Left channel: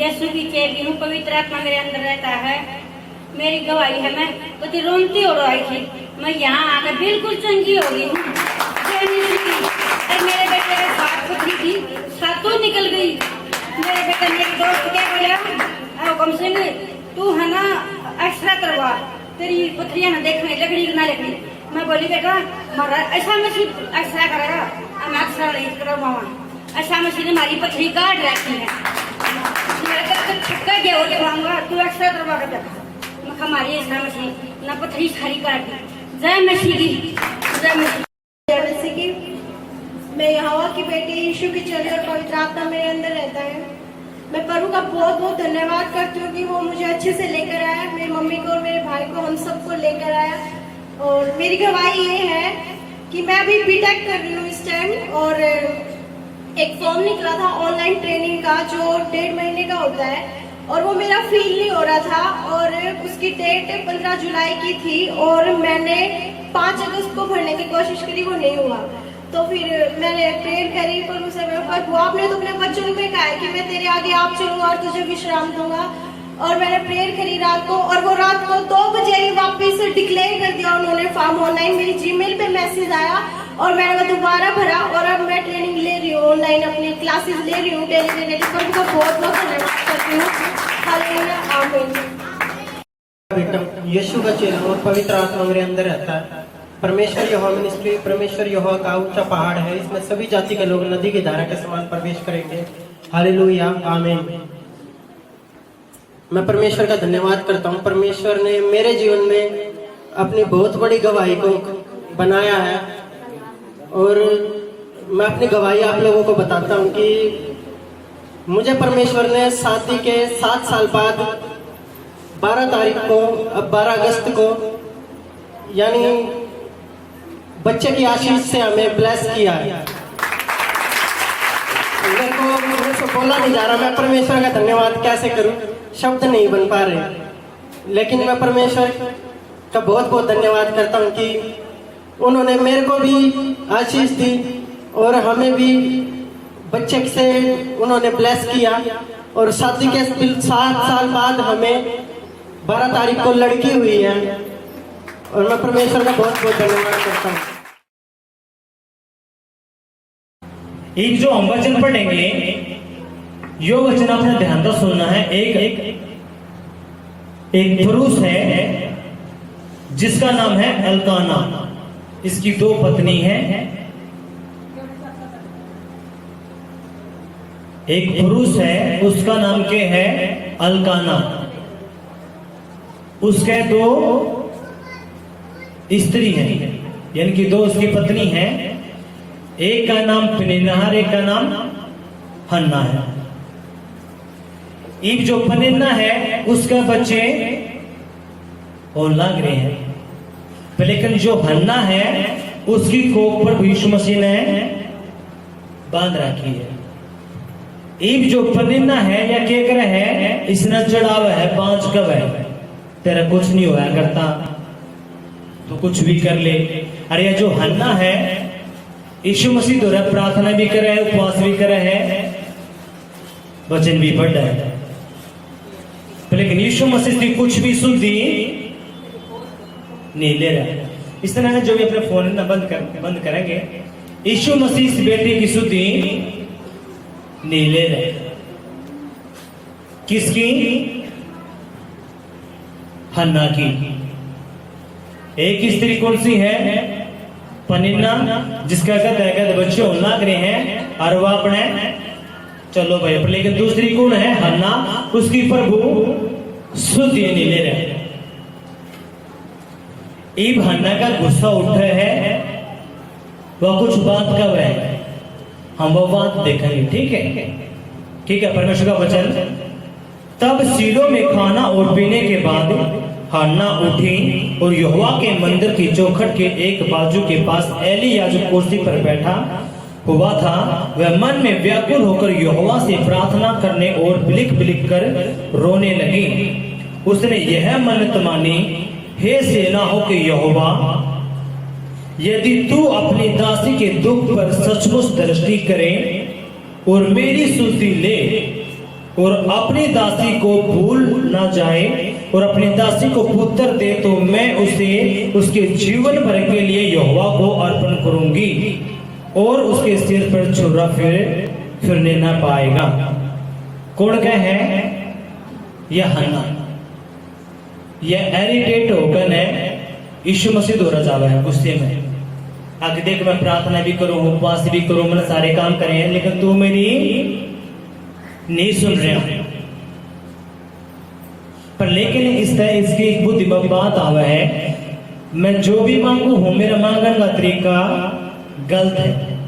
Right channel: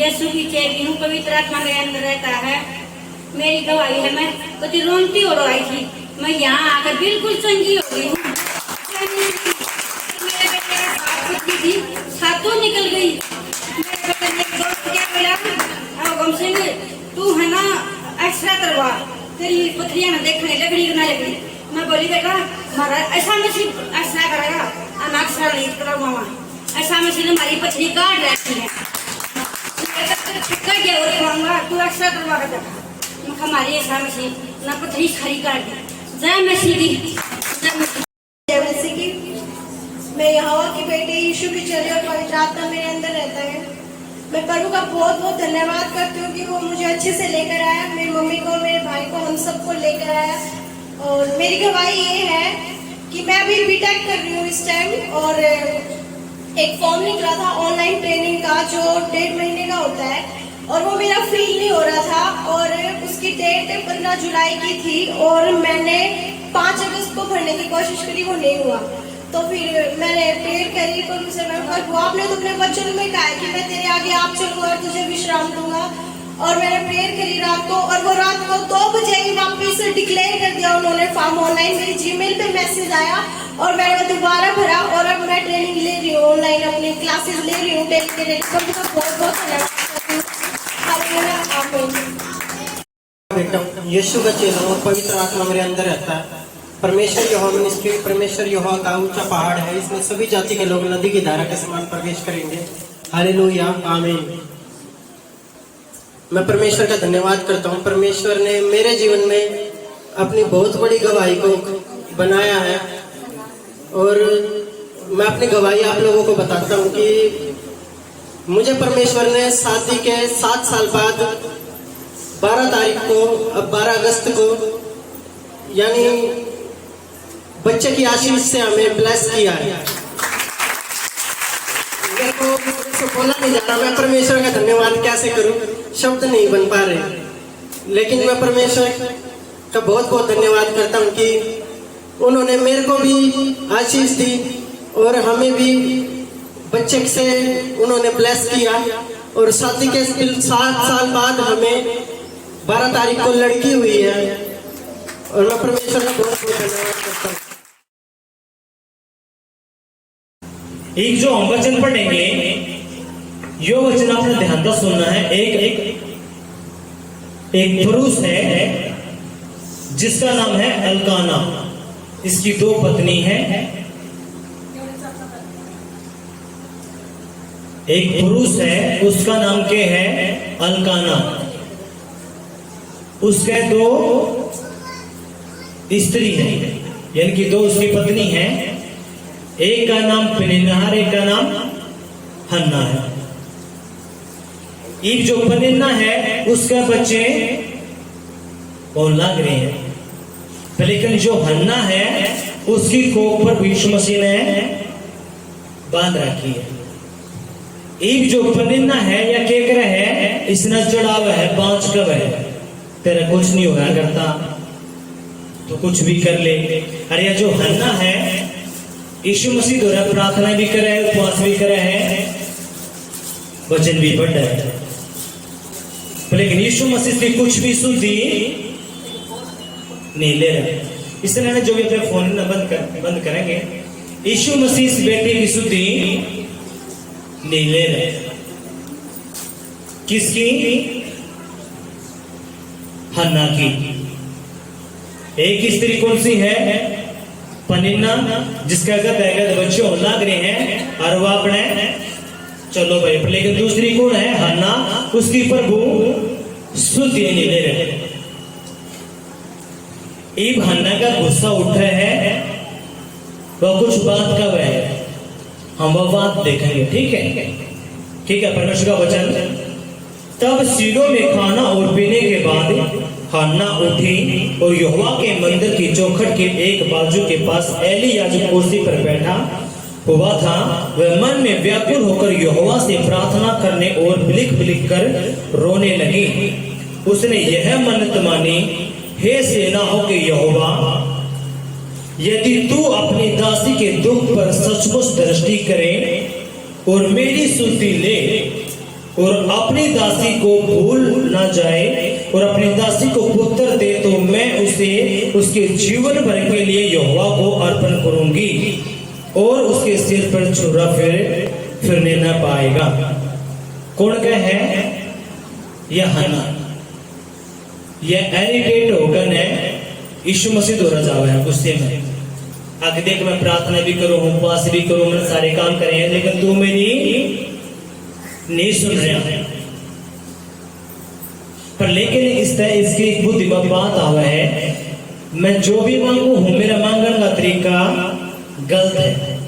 यीशु की चेली हूँ, पवित्र आत्मा मेरे अंदर रहता है। मेरी गवाही है, मैं कुछ रोती और आई थी, मैं यहाँ आकर बिल्कुल चंगी हो गई हूँ। मेरे बेटे के साथ पुत्री थी, सातों निकल गई। मेरे बेटे मेरे दोस्त क्या बोला, गम सिंह तू है ना एक्सरा करवा, तेरी पुत्रियां ना देखने लकड़ी ना लकड़ी। मैं बोली बेटा हमारा ऐसा मछली एक्सरा करेगा, मैं एक्सरा नहीं करवाऊंगा, ऐसा मछली हमारी पथरी काट रहती है, तू एक्सरा करवा कर देखा। मैं हमारी ऐसा मछली ना पथरी सारी काट दी। जय मछली की, जय मछली की। मैं यहोवा की बेटी बेटे यीशु की चली और पवित्र आत्मा मेरे अंदर रहता है। मैं प्रभु का बहुत बहुत धन्यवाद करती हूँ कि वो मुझे अच्छे से लेकर आया, मेरी मम्मी को और मेरे भाई को, हम सबको लेकर आया। और मेरी गवाही ये है कि मैं अभी बीटेक कर रही हूँ इस टाइम, और एक फॉर्म निकला था ऑनलाइन ट्रेनिंग का जो 1.5 महीने का होता है, और वो मेरा फील नहीं हो रहा था, और उसकी डेट 15 जुलाई की थी, और मैंने 5 अगस्त को भरने की कोशिश करी, वो नहीं हुआ। तो फिर मैंने प्रेयर करी प्रभु से, मैं प्रभु आपने तो अपने वचन में कहा है कि मैं तेरे आगे आप चलूंगा और तुझे विश्राम दूंगा। और मैंने प्रेयर करी रात को, और वो रात को 2 बजे ही वापस डिक्लेयर कर दिया उन्होंने फॉर्म ऑनलाइन। मेरी जीमेल पे मैसेज आया और मैंने वो दोबारा भरा, और अब मैं ट्रेनिंग ले रही हूँ ऑनलाइन, अपनी क्लासेस ले रही हूँ डेली। सब को बहुत बहुत धन्यवाद करती हूँ। हालेलुया, आमीन। यीशु का चेला और पवित्र आत्मा मेरे अंदर रहता है। परमेश्वर यहोवा मिनिस्ट्री, परमेश्वर यहोवा का ऊंचा पहाड़ है, इसमें सभी जाति के लोग नदी की धारा के समान प्रवेश करेंगे। हालेलुया, आमीन। मैं परमेश्वर का धन्यवाद करता हूँ। परमेश्वर ने मेरे जीवन में अपनी बहुत बड़ी गवाही को बनाया है, और मैं अपनी गवाही आप लोगों को बताता हूँ कि मुझे परमेश्वर ने शादी के 7 साल बाद 12 तारीख को, अब 12 अगस्त को, यानी बच्चे की आशीष से हमें ब्लेस किया है। मेरे को बोला नहीं जा रहा, मैं परमेश्वर का धन्यवाद कैसे करूं, शब्द नहीं बन पा रहे। लेकिन मैं परमेश्वर का बहुत बहुत धन्यवाद करता हूं कि उन्होंने मेरे को भी आशीष दी, और हमें भी बच्चे से उन्होंने ब्लेस किया। और शादी के 7 साल बाद हमें 12 तारीख को लड़की हुई है, और मैं परमेश्वर का बहुत बहुत धन्यवाद करता हूँ। एक जो हम वचन पढ़ेंगे, यो वचन अपना ध्यान से सुनना है। एक पुरुष है जिसका नाम है एल्काना, इसकी 2 पत्नी है। एक पुरुष है, उसका नाम क्या है? एल्काना। उसके 2 स्त्री हैं, यानी कि 2 उसकी पत्नी हैं। एक का नाम पनिन्ना है, एक का नाम हन्ना है। एक जो पनिन्ना है उसका बच्चे और लग रहे हैं, लेकिन जो हन्ना है उसकी कोख पर यीशु मसीह ने बांध रखी है। एक जो पनिन्ना है या केकर है, इसने चढ़ावा है 5 कब है, तेरा कुछ नहीं होया करता तो कुछ भी कर ले। अरे ये जो हन्ना है, यीशु मसीह द्वारा प्रार्थना भी करे है, उपवास भी करे है, वचन भी पढ़ रहा है, लेकिन यीशु मसीह से कुछ भी सुधी नहीं ले रहा। इस तरह जो भी अपने फोन में बंद करेंगे, यीशु मसीह इस बेटे की सुधी नहीं ले रहे। किसकी? हन्ना की। एक स्त्री कौन सी है? पनिन्ना, जिसका गद बच्चे लाग रहे हैं, और वो अपने चलो भाई। लेकिन दूसरी कौन है? हन्ना, उसकी प्रभु सुधि नहीं ले रहे। इब हन्ना का गुस्सा उठा है, वह कुछ बात कब है, हम वो बात देखेंगे। ठीक है, ठीक है। परमेश्वर का वचन। तब सीलो में खाना और पीने के बाद हन्ना उठी और यहोवा के मंदिर की चौखट के एक बाजू के पास एली याजक कुर्सी पर बैठा हुआ था। वह मन में व्याकुल होकर यहोवा से प्रार्थना करने और बिलिक बिलिक कर रोने लगी। उसने यह मन्नत मानी, हे सेनाओं के यहोवा, यदि तू अपनी दासी के दुख पर सचमुच दृष्टि करे और मेरी सुधि ले और अपनी दासी को भूल ना जाए और अपनी दासी को पुत्र दे, तो मैं उसे उसके जीवन भर के लिए यहोवा को अर्पण करूंगी और उसके सिर पर छुरा फिरने न पाएगा। कौन कहे है? यह हन्ना। यह एरिटेट होकर है यीशु मसीह द्वारा जावा है गुस्से में। आगे देख, मैं प्रार्थना भी करूं, उपवास भी करूं, मैं सारे काम करे, लेकिन तू मेरी नहीं सुन रहा। पर लेकिन इस तरह इसकी एक बुद्धि में बात आवा है, मैं जो भी मांगू हूं, मेरा मांगने का तरीका गलत है।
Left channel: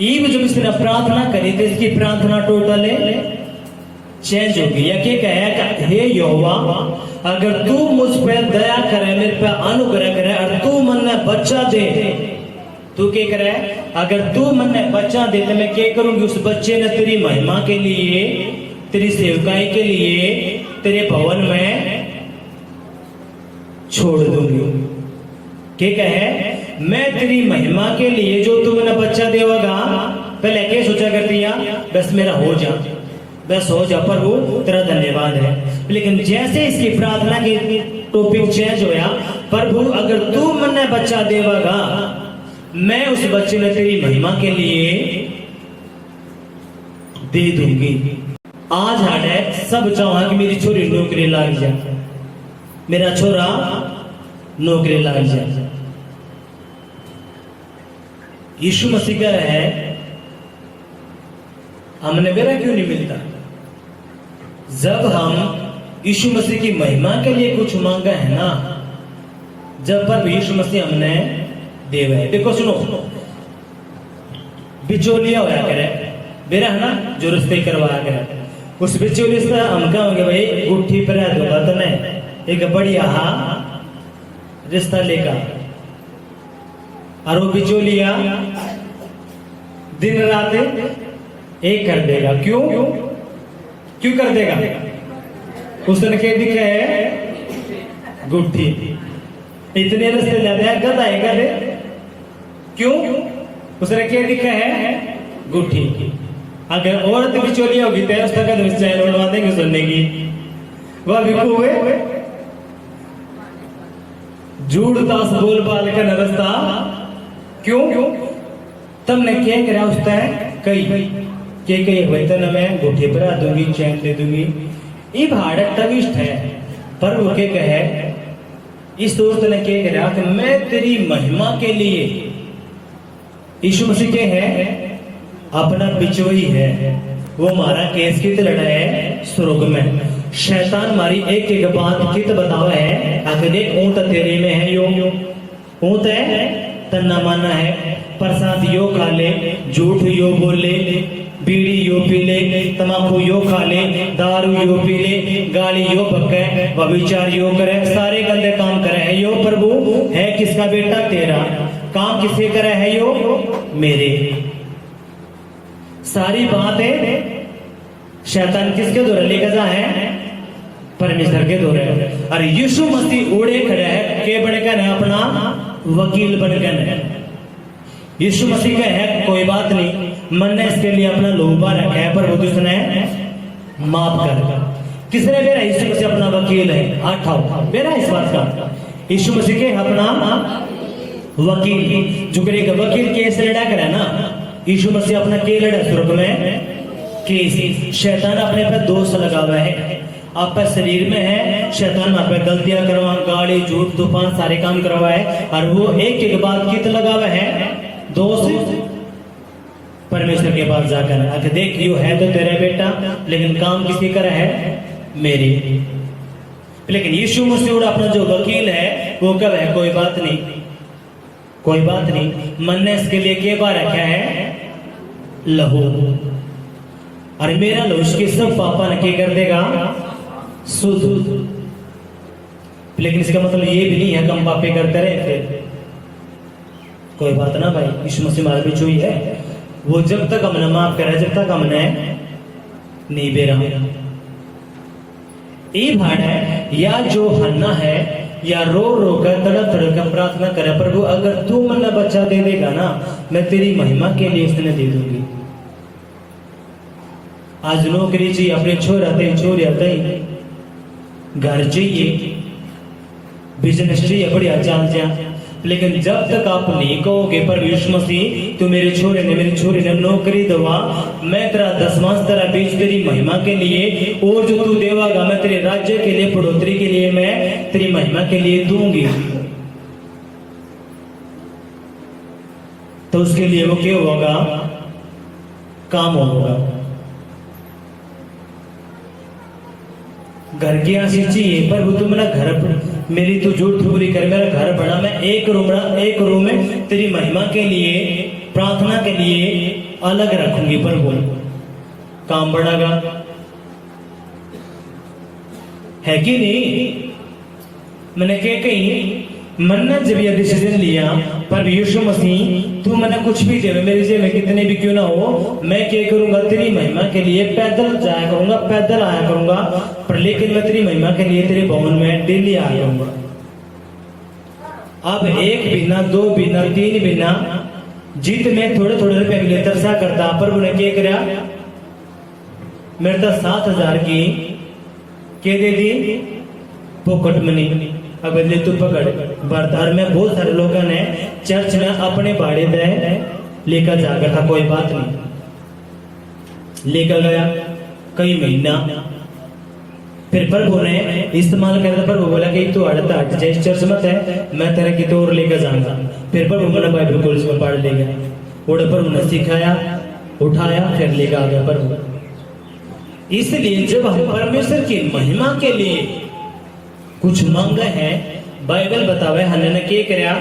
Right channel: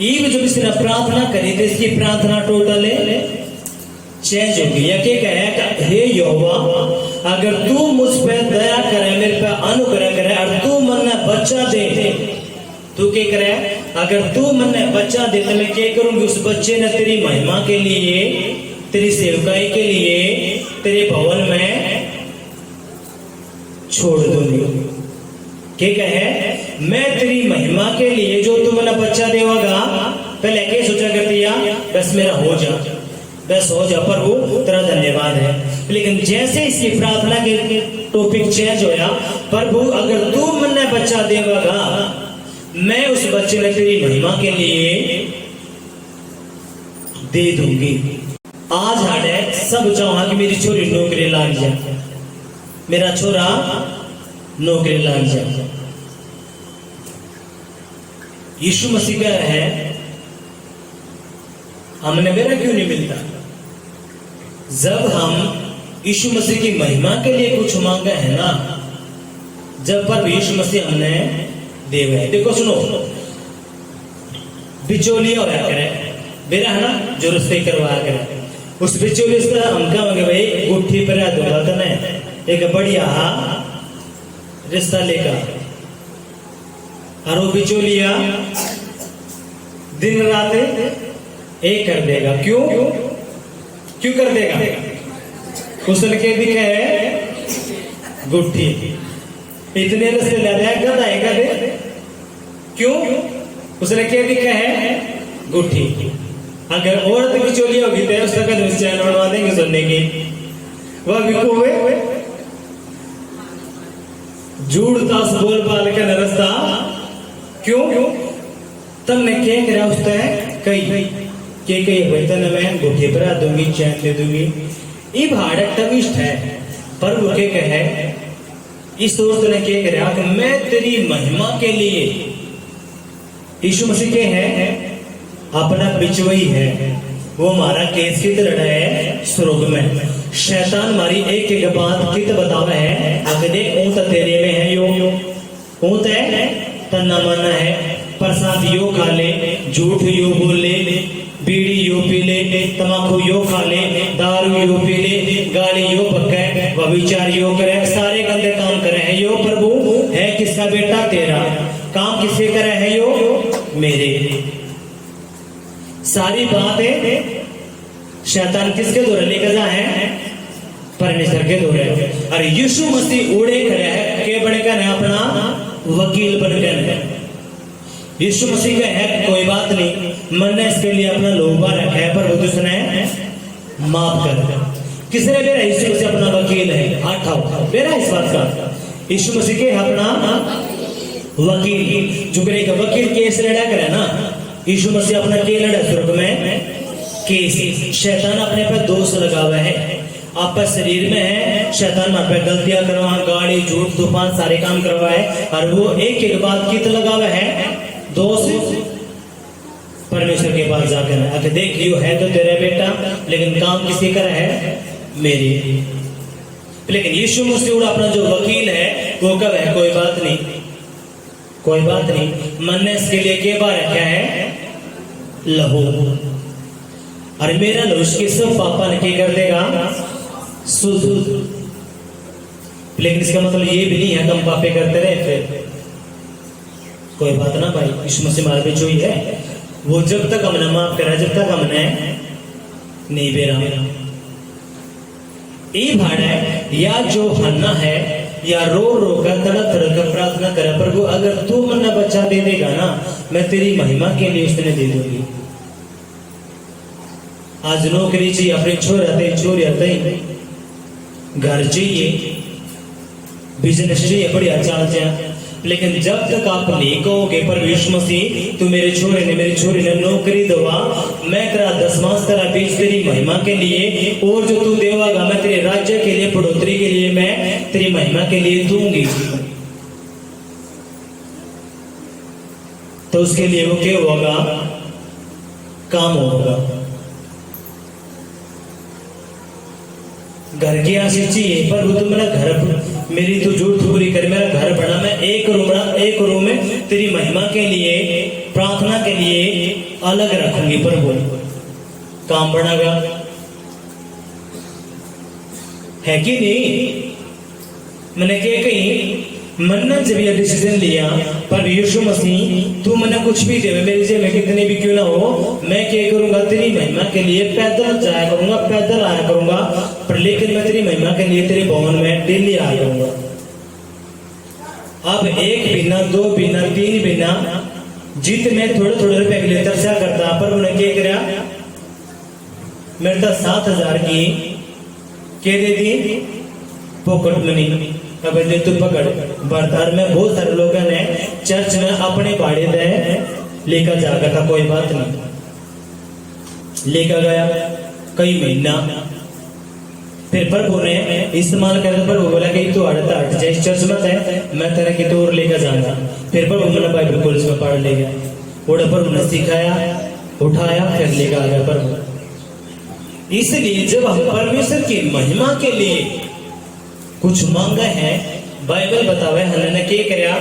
ईब जब इसने प्रार्थना करी तो इसकी प्रार्थना टोटल चेंज हो गई। या क्या कहे, हे यहोवा, अगर तू मुझ पर दया करे, मेरे पे अनुग्रह करे और तू मन में बच्चा दे, तू क्या करे, अगर तू मन में बच्चा दे तो मैं क्या करूंगी, उस बच्चे ने तेरी महिमा के लिए, तेरी सेवकाई के लिए तेरे भवन में छोड़ दूंगी। क्या कहे, मैं तेरी महिमा के लिए जो तू मैंने बच्चा देगा, पहले क्या सोचा करती है, बस मेरा हो जा, बस हो जा प्रभु, तेरा धन्यवाद है। लेकिन जैसे इसकी प्रार्थना के टॉपिक चेंज होया, प्रभु अगर तू मैंने बच्चा देगा, मैं उस बच्चे ने तेरी महिमा के लिए दे दूंगी। आज हाडे सब चाहूंगा कि मेरी छोरी नौकरी लग जाए, मेरा छोरा नौकरी लग जाए। यीशु मसीह कह रहा है, हमने मेरा क्यों नहीं मिलता? जब हम यीशु मसीह की महिमा के लिए कुछ मांगा है ना, जब पर यीशु मसीह हमने देवे है। देखो सुनो, बिचौलिया होया करे, मेरा है ना जो रिश्ते करवाया करे, उस बिचौलिए से हम कहेंगे भाई गुट्ठी पर दूंगा तो मैं एक बढ़िया रिश्ता लेकर, और वो बिचौलिया दिन रात एक कर देगा। क्यों क्यों कर देगा? उसने कह दिया है गुट्ठी, इतने रस्ते लेते हैं गधा है गधे। क्यों? उसने कह दिया है गुट्ठी। अगर औरत की चोली होगी तो उसका कदम चैन उड़वा देंगे सुनने की, वह भी हुए झूठ तास बोल पाल के नरस्ता। क्यों? तुमने क्या करा उसका है कई के वेतन में गुट्ठी पर दूंगी, चैन दे दूंगी। ये भाड़क तविष्ट है, पर वो क्या कहे, इस दोस्त ने क्या करा कि मैं तेरी महिमा के लिए, यीशु मसीह के है अपना बिचवई है, वो हमारा केस की तरह है स्वर्ग में। शैतान हमारी एक एक बात कित बतावा है, आगे देख ऊंट तेरे में है, यो ऊंट है तन्ना मना है, प्रसाद यो खा ले, झूठ यो बोल ले, बीड़ी यो पी ले, तमाकू यो खा ले, दारू यो पी ले, गाली यो पक्के, व्यभिचार यो करे, सारे गंदे काम करे है यो। प्रभु है किसका बेटा? तेरा। काम किसके करे है यो? मेरे। सारी बातें शैतान किसके द्वारा लेकर जा है? परमेश्वर के द्वारा। और यीशु मसीह उड़े खड़े है के बनकर है अपना वकील बनकर है। यीशु मसीह का है कोई बात नहीं, मन ने इसके लिए अपना लोबा रखा है, पर उसने माफ कर दिया। किसने मेरा यीशु मसीह अपना वकील है? हाथ उठाओ मेरा इस बात का। यीशु मसीह के अपना वकील, जो करेगा वकील केस लड़ा करे ना, यीशु मसीह अपना के लड़ा स्वर्ग में केस। शैतान अपने पर दोष लगा हुआ है, आप पर शरीर में है, शैतान आप पे गलतियां करवा, गाड़ी झूठ तूफान सारे काम करवा है, और वो एक एक बात कित लगा हुआ है दोष परमेश्वर के पास जाकर आके देख लियो है तो तेरा बेटा, लेकिन काम किसी का है? मेरी। लेकिन यीशु मसीह अपना जो वकील है वो कब है? कोई बात नहीं, कोई बात नहीं। मन ने इसके लिए क्या बार रखा है? लहू, और मेरा लहू इसके सब पापा ने क्या कर देगा? शुद्ध। लेकिन इसका मतलब ये भी नहीं है कि हम पापे करते रहे फिर कोई बात ना भाई, यीशु मसीह हमारे बीच हुई है, वो जब तक हमने माफ करा, जब तक हमने नहीं बेरा। ये भाड़ा है या जो हन्ना है, या रो रो कर तड़प तड़प कर प्रार्थना करे, प्रभु अगर तू मन्ना बच्चा दे देगा ना, मैं तेरी महिमा के लिए उसने दे दूंगी। आज नौकरी चाहिए, अपनी छोरी आते घर चाहिए, बिजनेस चाहिए, बढ़िया चाल चाहिए, लेकिन जब तक आप नहीं कहोगे पर यीशु मसीह तू मेरे छोरे ने नौकरी दवा, मैं तेरा दसवां तेरा बीज तेरी महिमा के लिए, और जो तू देवागा मैं तेरे राज्य के लिए, बढ़ोतरी के लिए, मैं तेरी महिमा के लिए दूंगी, तो उसके लिए वो क्या होगा? काम होगा। घर की आशीष चाहिए, पर वो तो मेरा घर, मेरी तो जो ठुकरी कर, मेरा घर बना, मैं एक रूम में तेरी महिमा के लिए प्रार्थना के लिए अलग रखूंगी प्रभु, काम बढ़ागा, है कि नहीं? मैंने क्या कही, मैंने जब यह डिसीजन लिया पर यीशु मसीह तू मैंने कुछ भी दे, मेरे जेब में कितने भी क्यों ना हो, मैं क्या करूंगा तेरी महिमा के लिए पैदल जाया करूंगा, पैदल आया करूंगा, पर लेकिन मैं तेरी महिमा के लिए तेरे भवन में डेली आया करूंगा। अब 1 बिना 2 बिना 3 बिना जीत में थोड़े थोड़े रुपए के लिए तरसा करता, पर उन्हें क्या कराया, मेरे तो 7,000 की क्या दे दी पॉकेट मनी, अब ले तू पकड़ बर्तार में। बहुत सारे लोगों ने चर्च में अपने भाड़े दे लेकर जाकर था, कोई बात नहीं, लेकर गया कई महीना, फिर प्रभु ने इस्तेमाल कर, प्रभु बोला कि तू हट जाए चर्च मत है, मैं तेरे की तोड़ लेकर जाऊंगा। फिर प्रभु मैंने बाइबल कॉलेज में पढ़ ले गया, और प्रभु ने सिखाया, उठाया, फिर लेकर आ गया प्रभु। इसलिए जब हम परमेश्वर की महिमा के लिए कुछ मांगे हैं, बाइबल बतावे हन्ना ने क्या किया,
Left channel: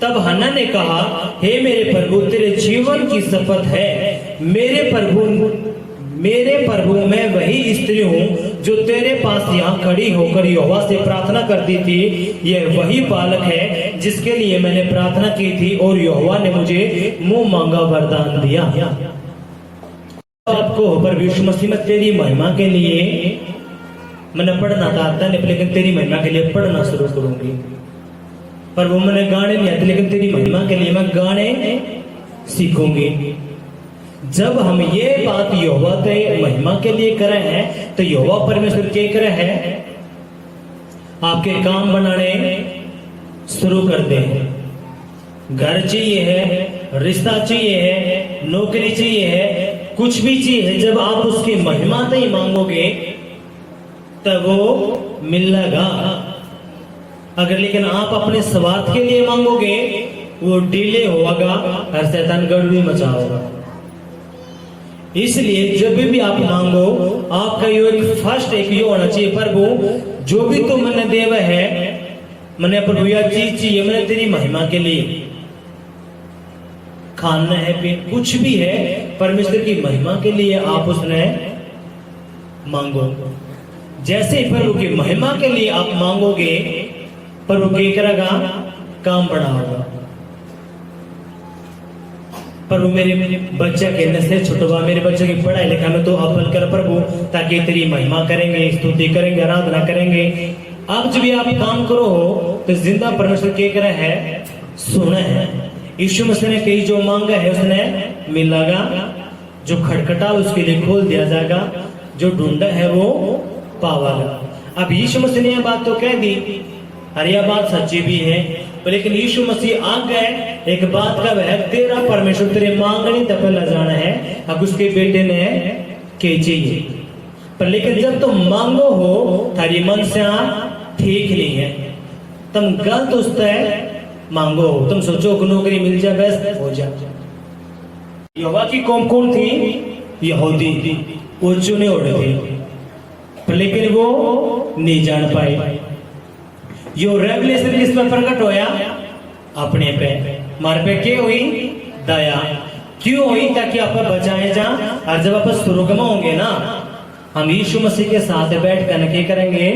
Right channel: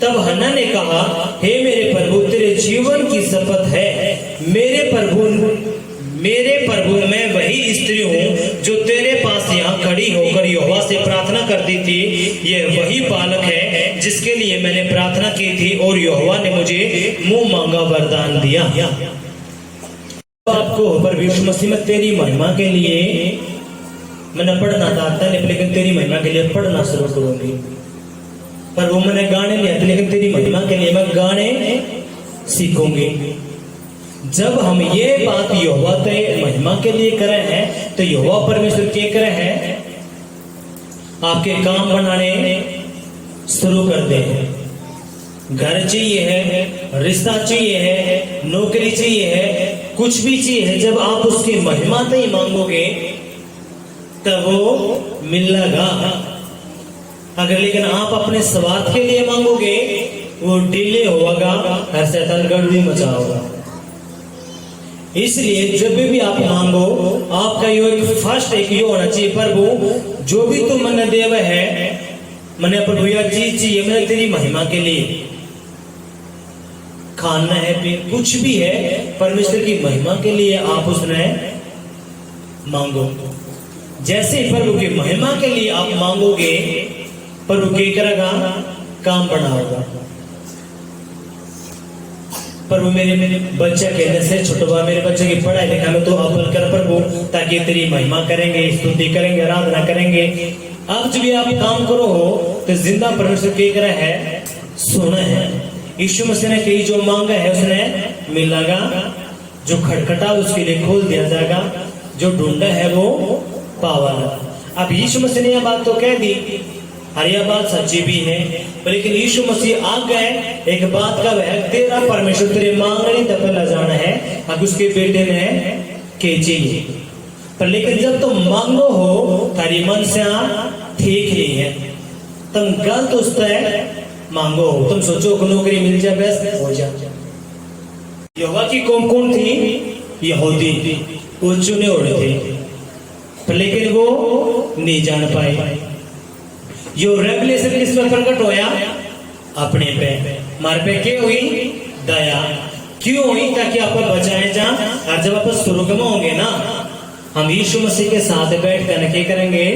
तब हन्ना ने कहा, हे मेरे प्रभु तेरे जीवन की शपथ है, मेरे प्रभु मैं वही स्त्री हूँ जो तेरे पास यहाँ खड़ी होकर यहोवा से प्रार्थना करती थी, यह वही बालक है जिसके लिए मैंने प्रार्थना की थी और यहोवा ने मुझे मुंह मांगा वरदान दिया। आपको पर यीशु मसीह में तेरी महिमा के लिए मैंने पढ़ना था नहीं, लेकिन तेरी महिमा के लिए पढ़ना शुरू करूंगी, पर वो मैंने गाने नहीं आते, लेकिन तेरी महिमा के लिए मैं गाने सीखूंगी। जब हम ये बात यहोवा के महिमा के लिए कर रहे हैं, तो यहोवा परमेश्वर क्या कर रहे हैं, आपके काम बनाने शुरू कर दे। घर चाहिए है, रिश्ता चाहिए है, नौकरी चाहिए है, कुछ भी चाहिए है, जब आप उसकी महिमा से ही मांगोगे तब वो मिलेगा। अगर लेकिन आप अपने स्वार्थ के लिए मांगोगे, वो डिले होगा, हर शैतान गड़बड़ी मचाओगा। इसलिए जब भी आप मांगो, आपका यो एक फर्स्ट एक यो होना चाहिए, प्रभु जो भी तुम मैंने देव है, मैंने प्रभु यह चीज चाहिए, मैंने तेरी महिमा के लिए खाना है, कुछ भी है, परमेश्वर की महिमा के लिए आप उसने मांगो। जैसे ही प्रभु की महिमा के लिए आप मांगोगे, प्रभु क्या करेगा, काम बढ़ाएगा। प्रभु मेरे बच्चे कहने से छुटवा, मेरे बच्चे की पढ़ाई लिखाई में तो अव्वल कर प्रभु, ताकि तेरी महिमा करेंगे, स्तुति करेंगे, आराधना करेंगे। अब जब भी आप काम करो हो तो जिंदा परमेश्वर क्या करे है, सुना है। यीशु मसीह ने कई जो मांगा है उसने मिलेगा, जो खटखटा उसके लिए खोल दिया जाएगा, जो ढूंढा है वो पावाला। अब यीशु मसीह ने यह बात तो कह दी, और यह बात सच्ची भी है, लेकिन यीशु मसीह आ गए एक बात का वह तेरा परमेश्वर तेरे मांगने तक न जाना है। अब उसके बेटे ने के चाहिए, पर लेकिन जब तुम मांगो हो थारी मन से ठीक नहीं है, तुम गलत उससे मांगो, तुम सोचो कि नौकरी मिल जाए बस हो जाए। यहोवा की कौम कौन थी, यहूदी, वो चुने उड़े थे, पर लेकिन वो नहीं जान पाए। यो रेवलेशन किस पर प्रकट होया, अपने पे, मार पे क्या हुई, दया क्यों हुई, ताकि आप बचाए जा। और जब आप स्वर्ग में होंगे ना, हम यीशु मसीह के साथ बैठ कर क्या करेंगे,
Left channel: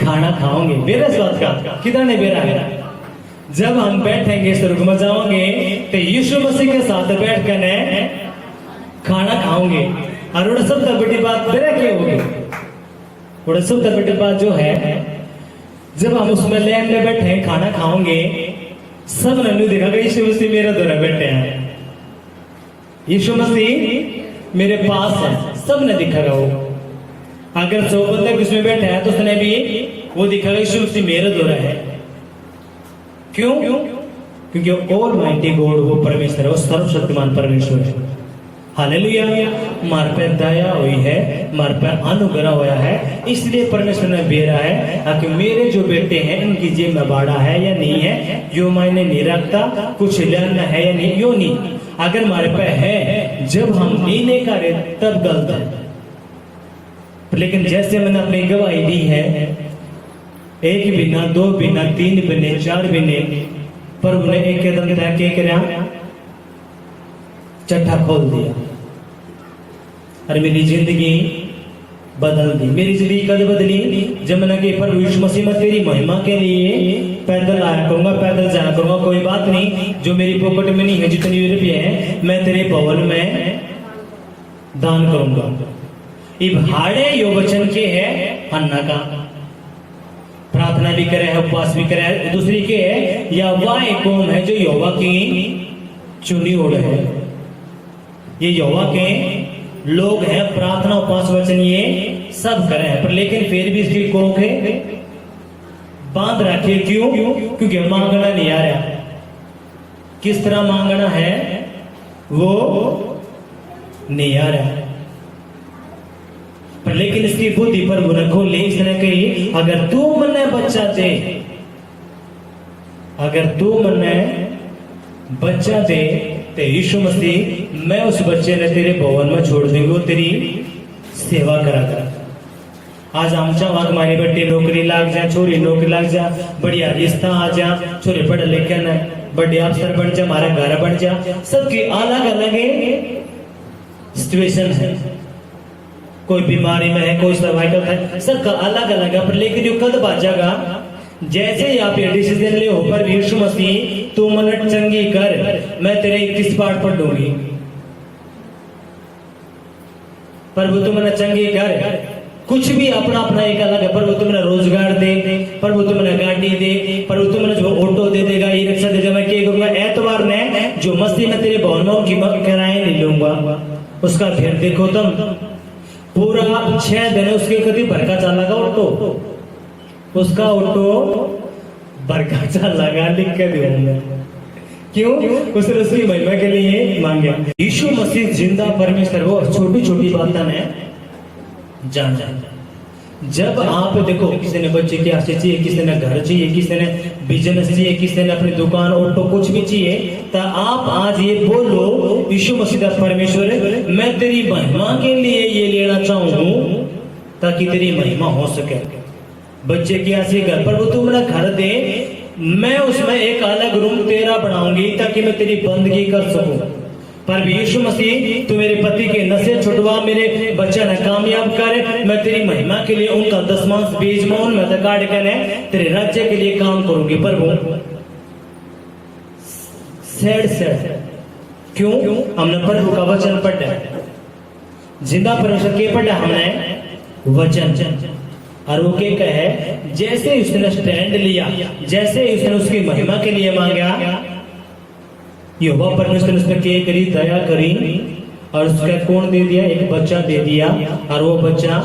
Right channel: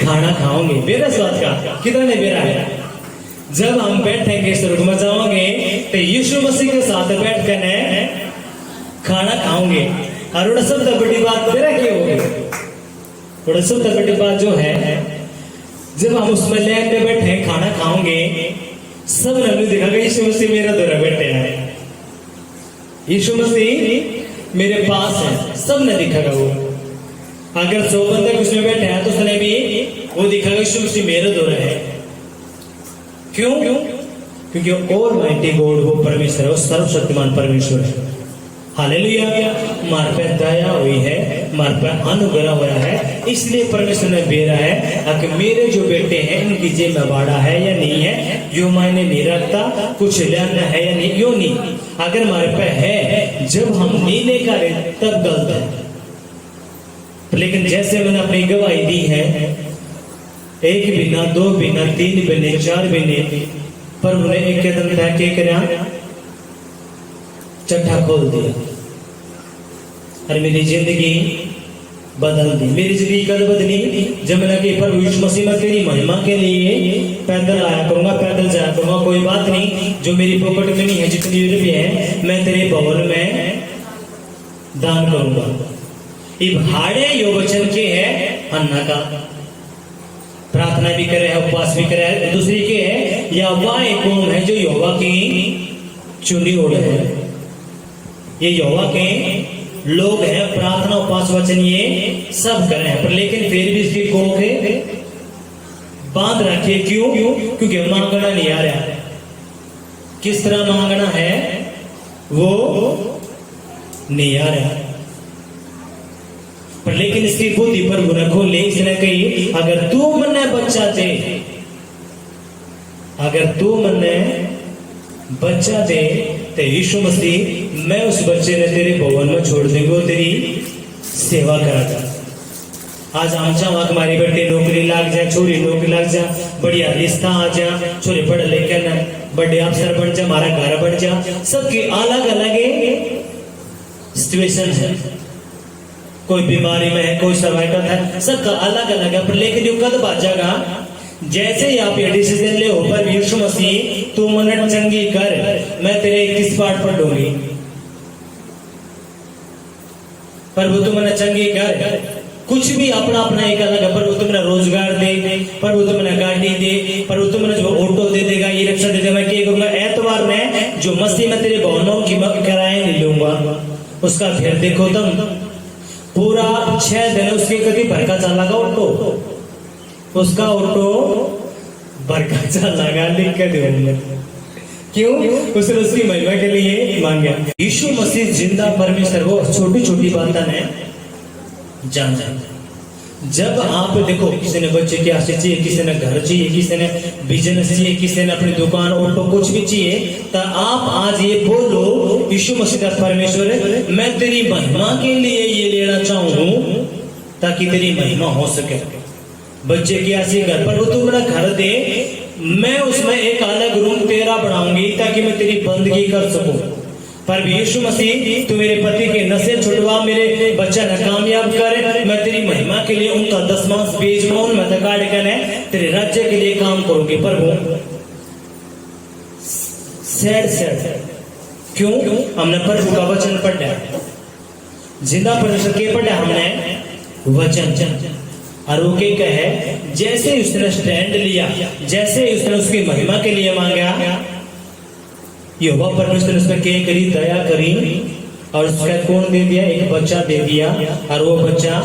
खाना खाओगे। बेरा स्वाद का कितना ने बेरा है, जब हम बैठेंगे स्वर्ग में जाओगे तो यीशु मसीह के साथ बैठ कर खाना खाओगे। और सबसे बड़ी बात बेरा क्या होगी, सबसे बड़ी बात जो है, जब हम उसमें लैंड में बैठे खाना खाओगे, सब ने दिखागा यीशु मसीह मेरा द्वारा बैठे हैं, यीशु मसीह मेरे पास है, सब ने दिखागा। वो अगर 100 बंदे उसमें बैठे हैं तो उसने भी वो दिखागा यीशु मसीह मेरे द्वारा है। क्यों? क्योंकि ऑलमाइटी गॉड वो परमेश्वर है, वो सर्वशक्तिमान परमेश्वर है। हालेलुया, मार पे दया हुई है, मार पे अनुग्रह होया है, इसलिए परमेश्वर ने बेरा है कि मेरे जो बेटे हैं इनकी जेब में बाड़ा है या नहीं है, यो मायने नहीं रखता, कुछ लेना है या नहीं, यो नहीं। अगर हमारे पे है, जब हम नहीं लेकर तब गलत है। लेकिन जैसे मैंने अपनी गवाही दी है, 1 बिना 2 बिना 3 बिने 4 बिने, पर उन्हें एक कदम तय किया, चट्टा खोल दिया और मेरी जिंदगी बदल दी। मेरी जिंदगी कद बदली जब मैंने कि प्रभु यीशु मसीह मैं तेरी महिमा के लिए पैदल आया करूंगा, पैदल जाया करूंगा, कोई बात नहीं, जो मेरी पॉकेट में नहीं है, जितनी रुपये है मैं तेरे भवन में दान करूंगा। ये भाड़े यो वचन के है अन्ना का, प्रार्थना भी करे है, उपवास भी करे है। दूसरी के है या वह एक कौम है जो यहोवा की चुनी ओढ़ है। ये यहोवा के लोग हैं, प्रार्थना उपवास वचन ये सब करे हैं, पर लेकिन फिर भी इसकी कोख है बांध रखिए। क्यों? क्योंकि मांगना नहीं आ रहा। किस तरह मांगना है वो नहीं आ रहा, पर लेकिन इसकी बुद्धि पर गुना खोले। इसने कही अगर तू मन्ने बच्चा दे, अगर तू मन्ने बच्चा दे तो यीशु मसीह मैं उस बच्चे ने तेरे भवन में छोड़ देंगे, वो तेरी सेवा कराता। आज हम चाह हमारे बेटे नौकरी लाग जाए, छोरी नौकरी लाग जा, बढ़िया रिश्ता आ जा, छोरे पढ़ लिखे न बड़े अफसर बन जा, हमारा घर बन जा। सबकी अलग अलग सिचुएशन है, कोई बीमारी में है, कोई सर्वाइकल है, सबका अलग अलग है। पर लेकिन यो कद बाजागा जैसे ही आप ये डिसीजन ले हो पर यीशु मसीह तू मन चंगी कर, मैं तेरे किस पाठ पर दूंगी, प्रभु तू मन चंगी कर। कुछ भी अपना अपना एक अलग है। प्रभु तुमने रोजगार दे, प्रभु तुमने गाड़ी दे, प्रभु तुमने जो ऑटो दे देगा, ये रिक्शा दे देगा, मैं क्या करूंगा एतवार में जो मसीह में तेरे भवनों की मग कराए नहीं लूंगा। उसका फिर देखो तुम पूरा 6 दिन उसके कभी भरका चलागा ऑटो, उसका ऑटो भरका चलागा लिख के दूंगा। क्यों? उसने उसकी महिमा के लिए मांगा। यीशु मसीह जिंदा परमेश्वर वो छोटी छोटी बातें हैं जान जाए। जब आप देखो किसी ने बच्चे की आशा चाहिए, किसी ने घर चाहिए, किसी ने बिजनेस चाहिए, किसी ने अपनी दुकान ऑटो कुछ भी चाहिए, तो आप आज ये बोलो यीशु मसीह परमेश्वर मैं तेरी महिमा के लिए ये लेना चाहूँ ताकि तेरी महिमा हो सके। बच्चे की आशा घर पर वो तू मेरा घर दे, मैं उसमें एक अलग रूम तेरा बनाऊंगी ताकि मैं तेरी बंदगी कर सकूं। पर यीशु मसीह तू मेरे पति के नशे छुड़वा, मेरे बच्चा न कामयाब कर, मैं तेरी महिमा के लिए उनका दसमांश बेच में उनमें दकाड़ कर तेरे राज्य के लिए काम करूंगी। पर वो सैड क्यों? हमने प्रभु का वचन पढ़ा, जिंदा परमेश्वर के पढ़ा हमने वचन, और वो क्या कहे जैसे उसने स्टैंड लिया, जैसे उसने उसकी महिमा के लिए मांगा, यहोवा परमेश्वर उस पर क्या करी, दया करी, और उसका कौन दे दिया? एक बच्चा दे दिया, और वो बच्चा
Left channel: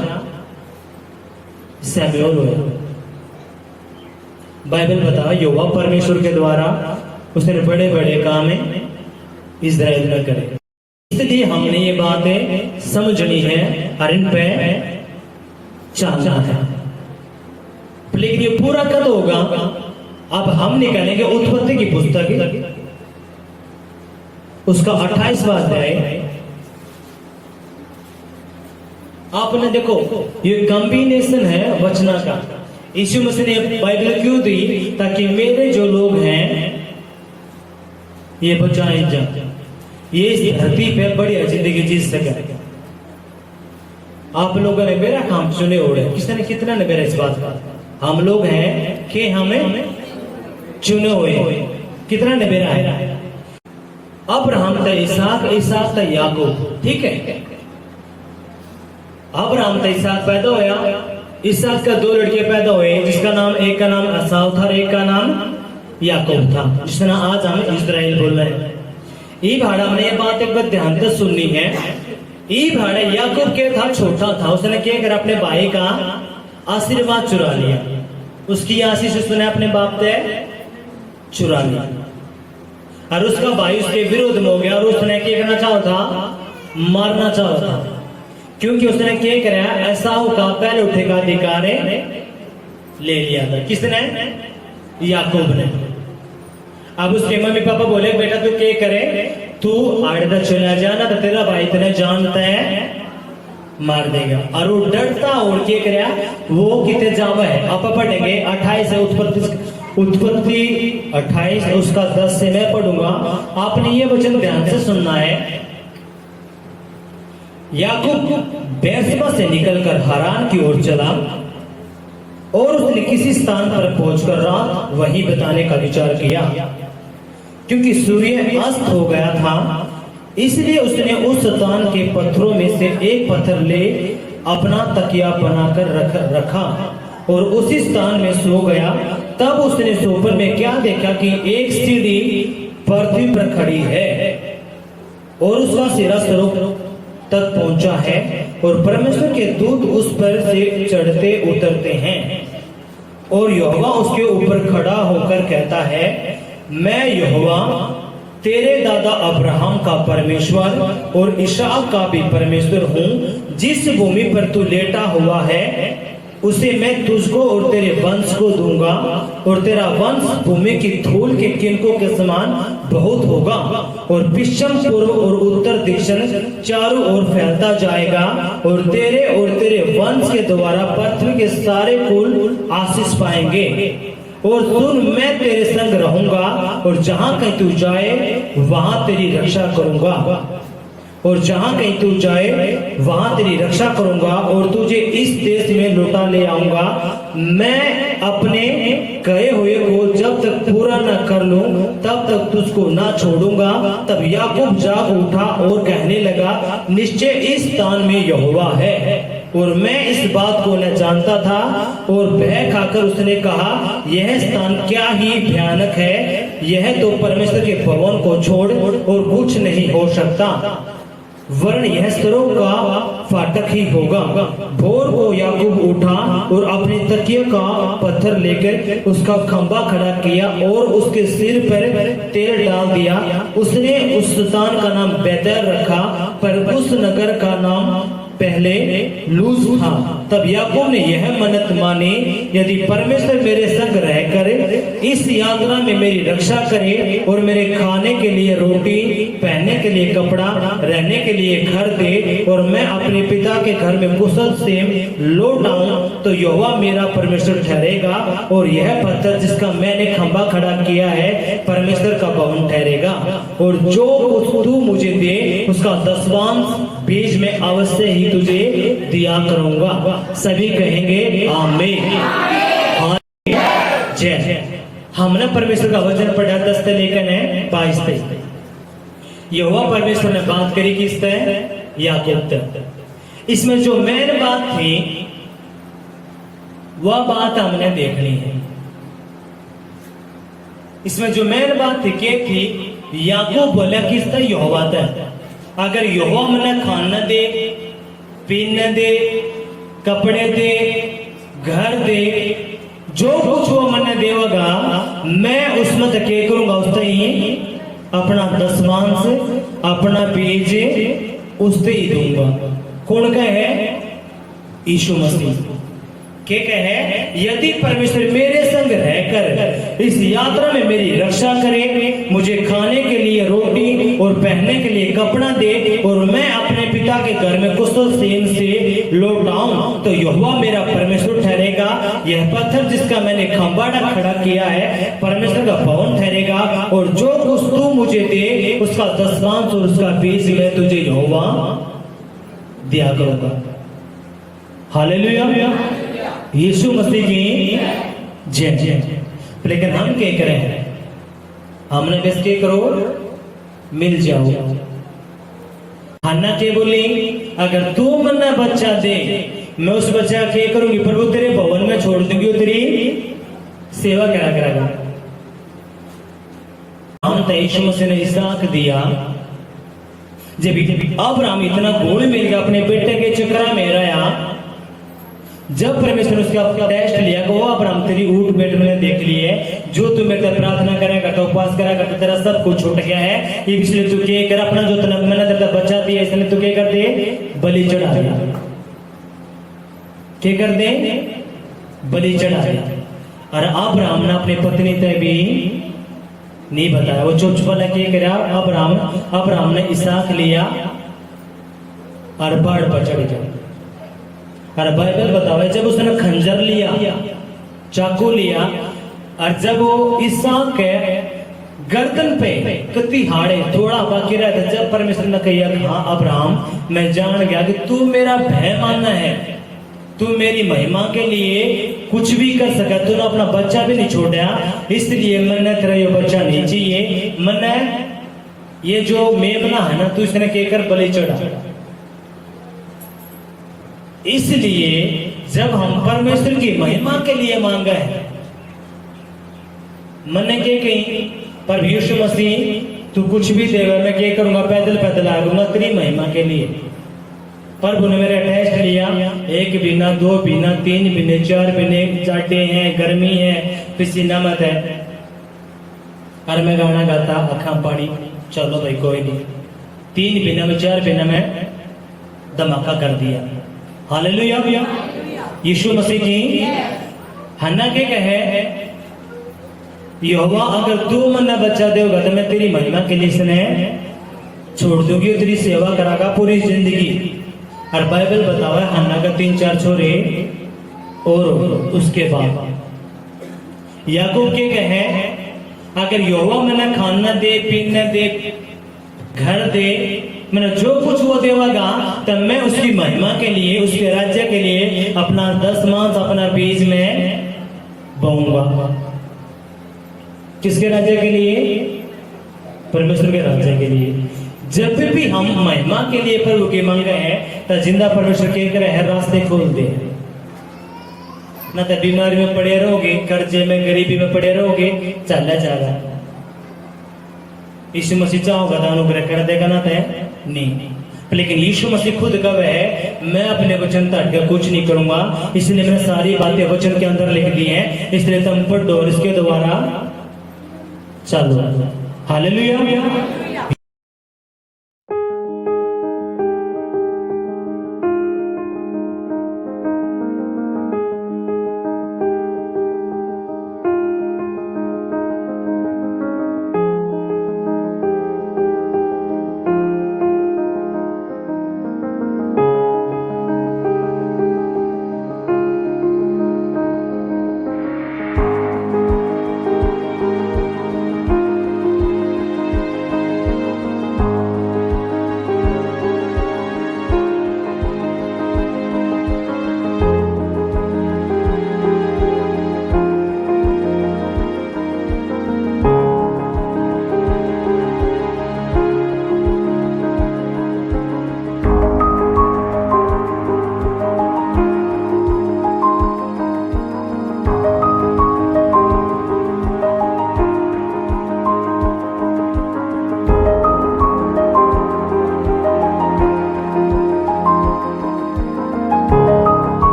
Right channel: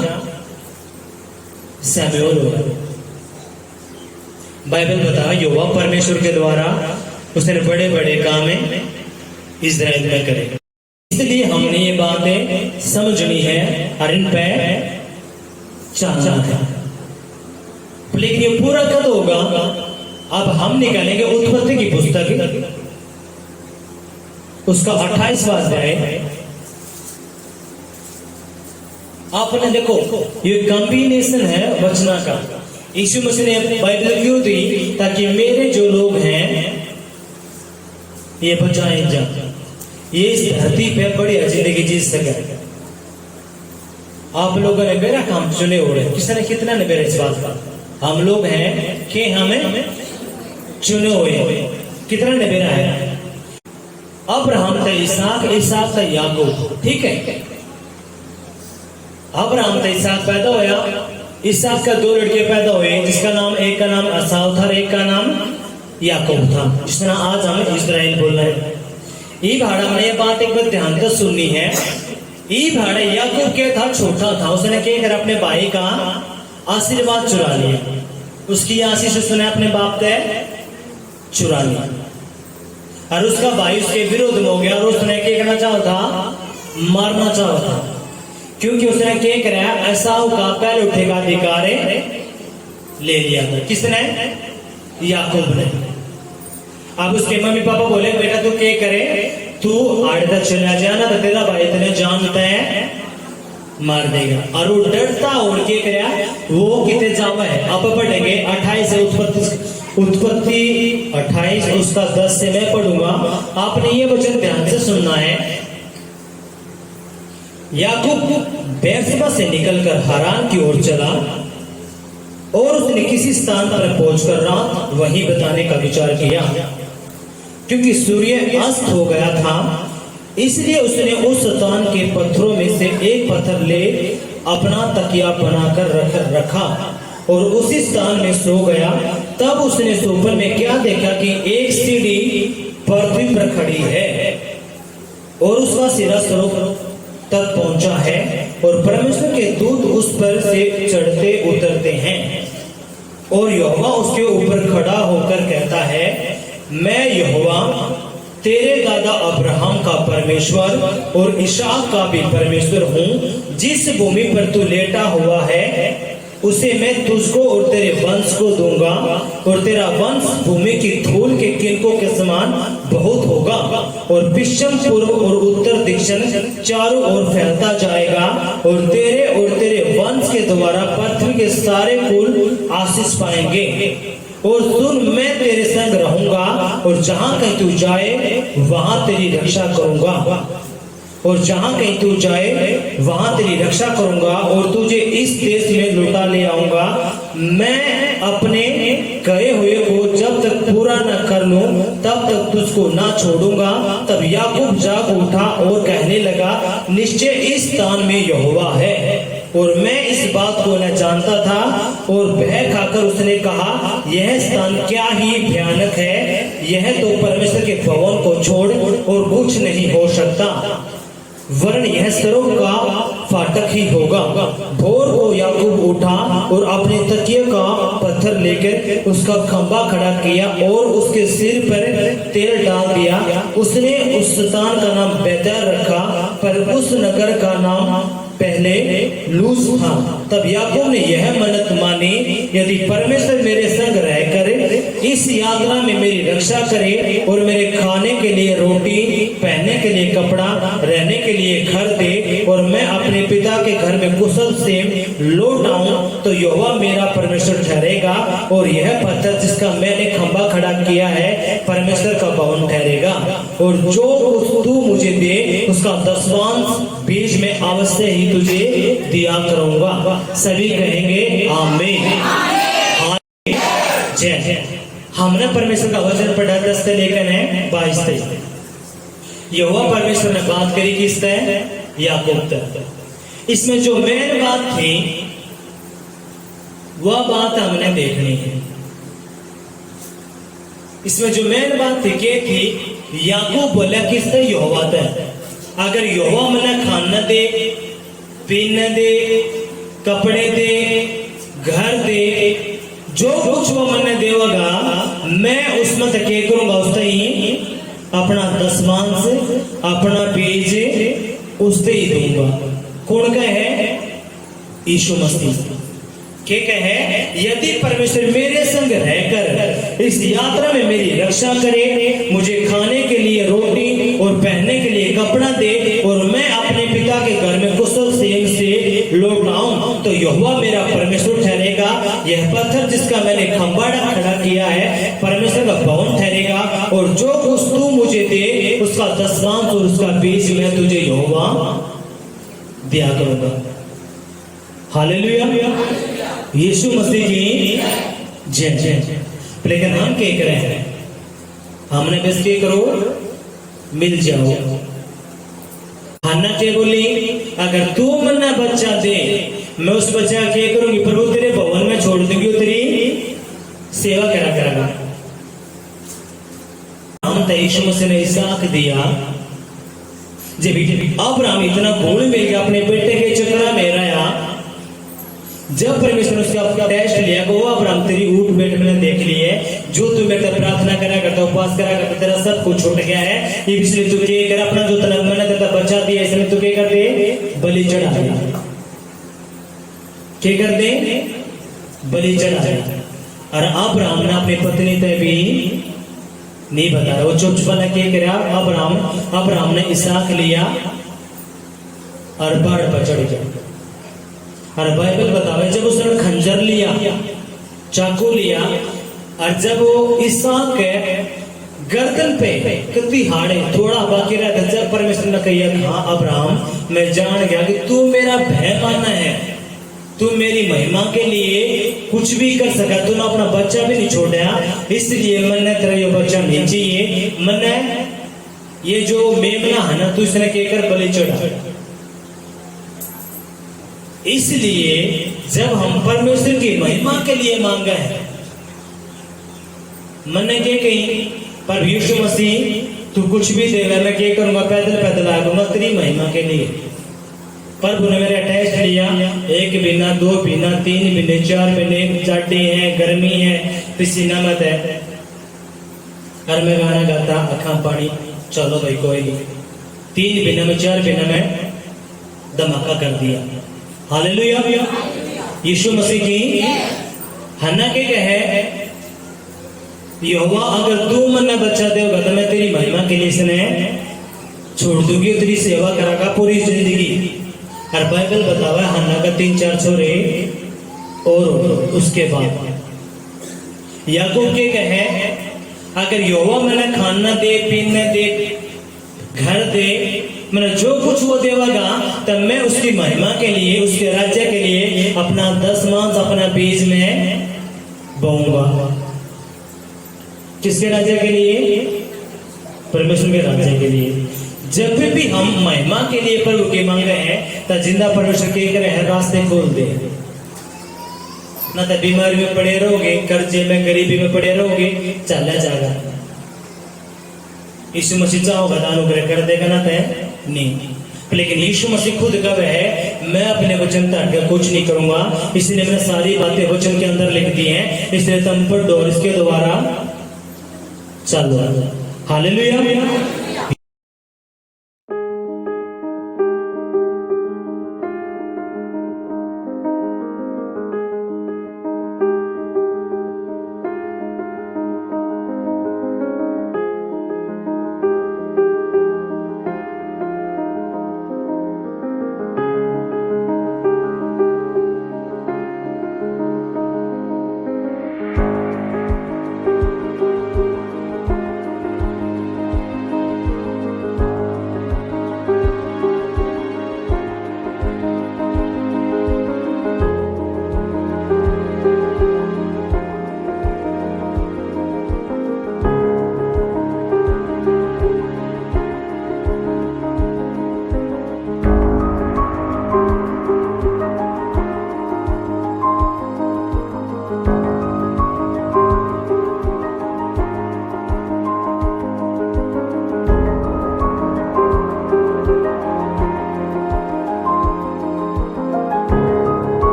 सैमुएल हुआ। बाइबल बता यहोवा परमेश्वर के द्वारा उसने बड़े बड़े काम इजराइल में करे। इसलिए हमने ये बातें समझनी है और इन पे चलना है। लेकिन ये पूरा कब होगा? अब हम निकालेंगे उत्पत्ति की पुस्तक, उसका 28वां अध्याय। आपने देखो ये कॉम्बिनेशन है वचना का। यीशु मसीह ने बाइबल क्यों दी? ताकि मेरे जो लोग हैं ये बचाए जा, ये इस धरती पे बढ़िया जिंदगी जी सके। आप लोगों ने मेरा काम चुने ओढ़े, किसने कितना ने मेरा इस बात का? हम लोग हैं कि हमें चुने हुए, कितना ने मेरा है? अब्राहम था इसहाक, इसहाक था याकूब, ठीक है। अब्राहम था इसहाक पैदा होया, इसहाक का 2 लड़के पैदा हुए, जिसका नाम एक का नाम एसाव था, एक का नाम याकूब था, जिसना आज हमें इस्राएल बोल रहे हैं। ये भाड़ा में ये बात एक बार ध्यान से सुननी है। ये भाड़ा याकूब के था, छोटा था, उसने क्या कर अपने भाई का आशीर्वाद चुरा लिया, उसकी आशीष उसने अपने बाप से चुरा लिया, और उसका भाई उसके विरोध में हो गया, और उसने क्या करना चाहा था? मारना चाहा था, क्योंकि उसने क्या करा? एसाव का पहले उठेगा अधिकार ले लिया था। किसने? याकूब ने। अब उसके मम्मी पापा बोले बेटा तू क्या करे, तू आड़ता चला जाना तो तेरा भाई तेने जानता है मार देगा। और वो डरता और क्या करे? वो कितने जावा है, अब पढ़ेंगे 28 से उत्पत्ति 28 उसका 10 से मैं पढ़ूंगा। आपने ये वचन ध्यान से सुनना है। याकूब बेर्शेबा से निकलकर हारान की ओर चला और उसने किसी स्थान पर पहुंचकर रात वहीं बिताने का विचार किया। क्योंकि सूर्य अस्त हो गया था, इसलिए उसने उस स्थान के पत्थरों में से एक पत्थर ले अपना तकिया बनाकर रखा और उसी स्थान में सो गया। तब उसने सोपन में क्या देखा कि एक सीढ़ी पृथ्वी पर खड़ी है और उसका सिरा स्वर्ग तक पहुंचा है और परमेश्वर के दूत उस पर से चढ़ते उतरते हैं। और यहोवा उसके ऊपर खड़ा होकर कहता है, मैं यहोवा तेरे दादा अब्राहम का परमेश्वर और इसहाक का भी परमेश्वर हूँ। जिस भूमि पर तू लेटा हुआ है उसे मैं तुझको और तेरे वंश को दूंगा और तेरा वंश भूमि की धूल के किनकों के समान बहुत होगा और पश्चिम पूर्व और उत्तर दक्षिण चारों ओर फैलता जाएगा और तेरे वंश के द्वारा पृथ्वी के सारे कुल आशीष पाएंगे। और सुन, मैं तेरे संग रहूंगा और जहां कहीं तू जाए वहां तेरी रक्षा करूंगा और जहां कहीं तू जाए वहां तेरी रक्षा करूंगा और तुझे इस देश में लौटा ले आऊंगा। मैं अपने कहे हुए को जब तक पूरा न कर लूं तब तक तुझको ना छोड़ूंगा। तब याकूब जाग उठा और कहने लगा, निश्चय इस स्थान में यहोवा है और मैं इस बात को न जानता था। और बह खाकर उसने कहा, यह स्थान क्या ही भयानक है, यह तो परमेश्वर के भवन को छोड़ और कुछ नहीं हो सकता, वरन यह स्वर्ग का फाटक ही होगा। भोर को याकूब उठा और अपने तकिए का पत्थर लेकर उसका खंभा खड़ा किया और उसके सिर पर तेल डाल दिया। उसने उस स्थान का नाम बेतेल रखा, पर उस नगर का नाम पहले लूज था। तब याकूब ने यह मन्नत मानी, यदि परमेश्वर मेरे संग रहकर इस यात्रा में मेरी रक्षा करे और मेरे खाने के लिए रोटी, पहनने के लिए कपड़ा, रहने के लिए घर दे और मैं अपने पिता के घर में कुशल से लौट आऊं, तो यहोवा मेरा परमेश्वर ठहरेगा और यह पत्थर जिसका मैंने खंभा खड़ा किया है परमेश्वर का भवन ठहरेगा। और जो कुछ तू मुझे दे उसका 10वांश बीज में अवश्य ही तुझे दिया करूंगा। सभी कहेंगे आमीन। जय। हमने परमेश्वर का वचन पढ़ा 10 से लेकर है 22 तक। यहोवा परमेश्वर ने बात करी किस तक? याकूब तक। इसमें जो मेन बात थी वह बात हमने देखनी है। इसमें जो मेन बात थी क्या थी? याकूब बोला किस तक? यहोवा तक। अगर यहोवा मना खाना दे, पीना दे, कपड़े दे, घर दे, जो कुछ वो मन्ने देगा मैं उसमें तक क्या करूंगा? उससे ही अपना 10वांश, अपना बीज उससे ही दूंगा। कौन का है? यीशु मसीह। क्या कहे? यदि परमेश्वर मेरे संग रहकर इस यात्रा में मेरी रक्षा करे, मुझे खाने के लिए रोटी और पहनने के लिए कपड़ा दे और मैं अपने पिता के घर में कुशल सेम से लौट आऊं, तो यहोवा मेरा परमेश्वर ठहरेगा। यह पत्थर जिसका मैंने खंभा खड़ा किया है परमेश्वर का भवन ठहरेगा। और जो कुछ तू मुझे दे उसका 10वांश और उसका बीज मैं तुझे यहोवा दिया करूंगा। हालेलुया। यीशु मसीह की जय जय। लेकिन हम क्या करें? हमने बस क्या करो? मिल जाओ। हन्ना क्या बोली? अगर तू मन्ना बच्चा दे मैं उस बच्चा क्या करूंगी? प्रभु तेरे भवन में छोड़ दूंगी, तेरी सेवा करा करेगा। हम तो यीशु मसीह ने इसहाक दिया। जब अब्राहम इतना भूल मिल गया अपने बेटे के चक्कर में रहा, जब परमेश्वर ने उसका टेस्ट लिया कि वो अब्राहम तेरी ऊट बैठ मैंने देख ली है, जो तू मेरे से प्रार्थना करेगा तो उपवास करेगा तो तेरा सब कुछ छूट गया है, इसलिए तू क्या कर? अपना जो तलब मैंने तेरा बच्चा दिया इसलिए तू क्या कर दे? बलि चढ़ा दे। क्या कर दे? बलि चढ़ा दे। और अब्राहम ने अपनी पत्नी से भी नहीं बताया, वो चुप वाला क्या करा? अब्राहम ने इसहाक लिया और पहाड़ पर चढ़ गया। और बाइबल बतावे जब उसने खंजर लिया, चाकू लिया, और जब वो इसहाक गर्दन पे कति हाड़े थोड़ा बाकी रह गया। जब परमेश्वर ने कहा हाँ अब्राहम मैं जान गया कि तू मेरा भय मानना है, तू मेरी महिमा के लिए कुछ भी कर सका, तूने अपना बच्चा भी नहीं छोड़ा, इसलिए मैंने तेरा ये बच्चा नहीं चाहिए, मैंने ये जो मेमना है ना तू इसने कहकर बलि चढ़ा। इसलिए जब हम परमेश्वर की महिमा के लिए मांगा है, मैंने क्या कही पर यीशु मसीह तू कुछ भी देगा, मैं क्या करूंगा, पैदल पैदल आऊंगा तेरी महिमा के लिए। प्रभु ने मेरा टेस्ट लिया, 1 महीना 2 महीना 3 महीने 4 महीने, जाटे हैं, गर्मी है, पसीना मत है, और मैं गाना गाता अखा पानी, चलो भाई कोई नहीं, 3 महीना में 4 महीना में धमाका कर दिया। हालेलुया। यीशु मसीह की हन्ना के कहे यहोवा अगर तू मन्ने बच्चा देगा तो मैं तेरी महिमा के लिए इसने छोड़ दूंगी, तेरी सेवा करागा पूरी जिंदगी। और बाइबल बतावा हन्ना का 3-4 छोरे और उसके बाद याकूब के कहे अगर यहोवा मैंने खाना दे, पीने दे, घर दे, मैंने जो कुछ वो देगा तब मैं उसकी महिमा के लिए, उसके राज्य के लिए अपना 10 अपना बीज में बोऊंगा। किसके राज्य के लिए? परमेश्वर के राज्य के लिए। जब भी हम महिमा के लिए प्रभु के मांगे हैं तो जिंदा परमेश्वर के करे हैं रास्ते खोल दे, ना तो बीमारी में पड़े रहोगे, कर्जे में, गरीबी में पड़े रहोगे, चला जाएगा। यीशु मसीह चाहोगा तो अनुग्रह कर देगा, ना तो नहीं। लेकिन यीशु मसीह खुद कब है मैं अपने वचन तक कुछ नहीं करूंगा, इसलिए मैंने सारी बातें वचन के अंदर लिख दी हैं, इसलिए तुम पढ़ो और इसके द्वारा चलो। हालेलुया।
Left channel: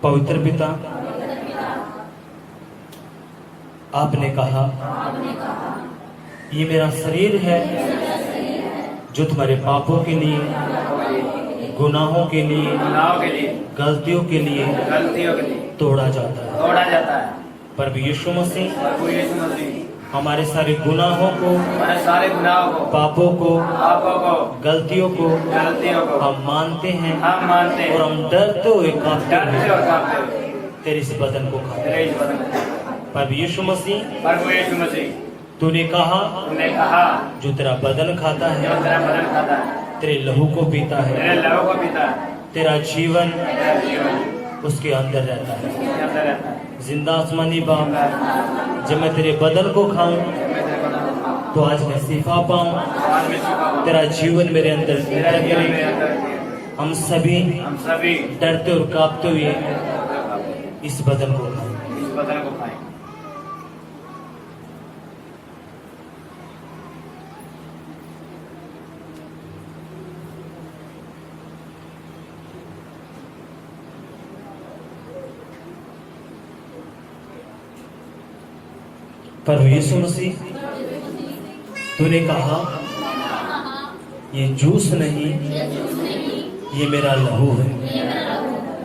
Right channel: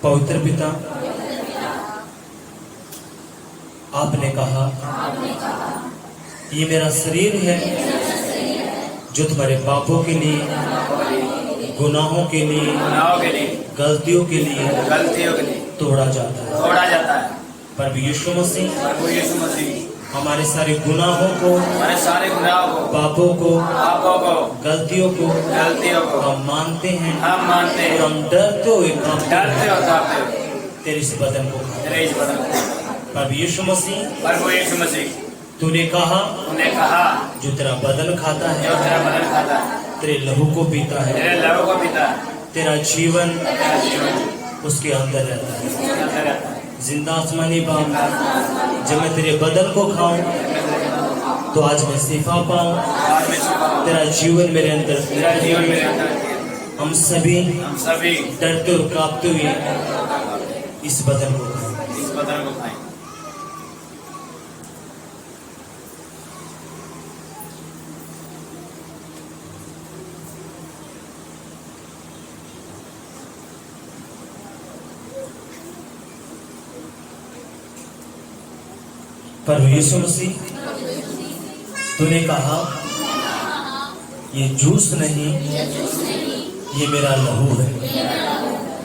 पवित्र पिता, आपने कहा ये मेरा शरीर है जो तुम्हारे पापों के लिए, गुनाहों के लिए, गलतियों के लिए तोड़ा जाता है। प्रभु यीशु मसीह हमारे सारे गुनाहों को, पापों को, गलतियों को हम मानते हैं और हम डरते हुए कांपते हुए तेरे इस बदन को खाते हैं। प्रभु यीशु मसीह, तूने कहा जो तेरा बदन खाता है, तेरे लहू को पीता है, तेरा जीवन उसके अंदर रहता है। जिंदा आसमानी बाप, जब मैं तेरे बदन को खाऊं तो आज मैं शिफा पाऊं, तेरा जीवन मेरे अंदर। हम सभी डरते और कांपते हुए इस बदन को खाएं। प्रभु यीशु मसीह, तूने कहा ये जूस नहीं, ये मेरा लहू है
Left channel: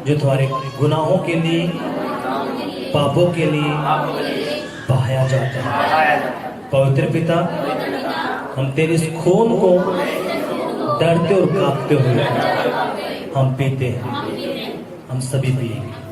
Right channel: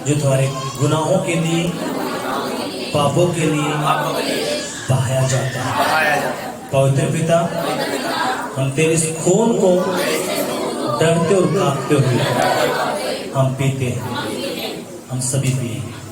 जो तुम्हारे गुनाहों के लिए, पापों के लिए बहाया जाता है। पवित्र पिता, हम तेरे इस खून को डरते और कांपते हुए हम पीते हैं, हम सभी पिएंगे।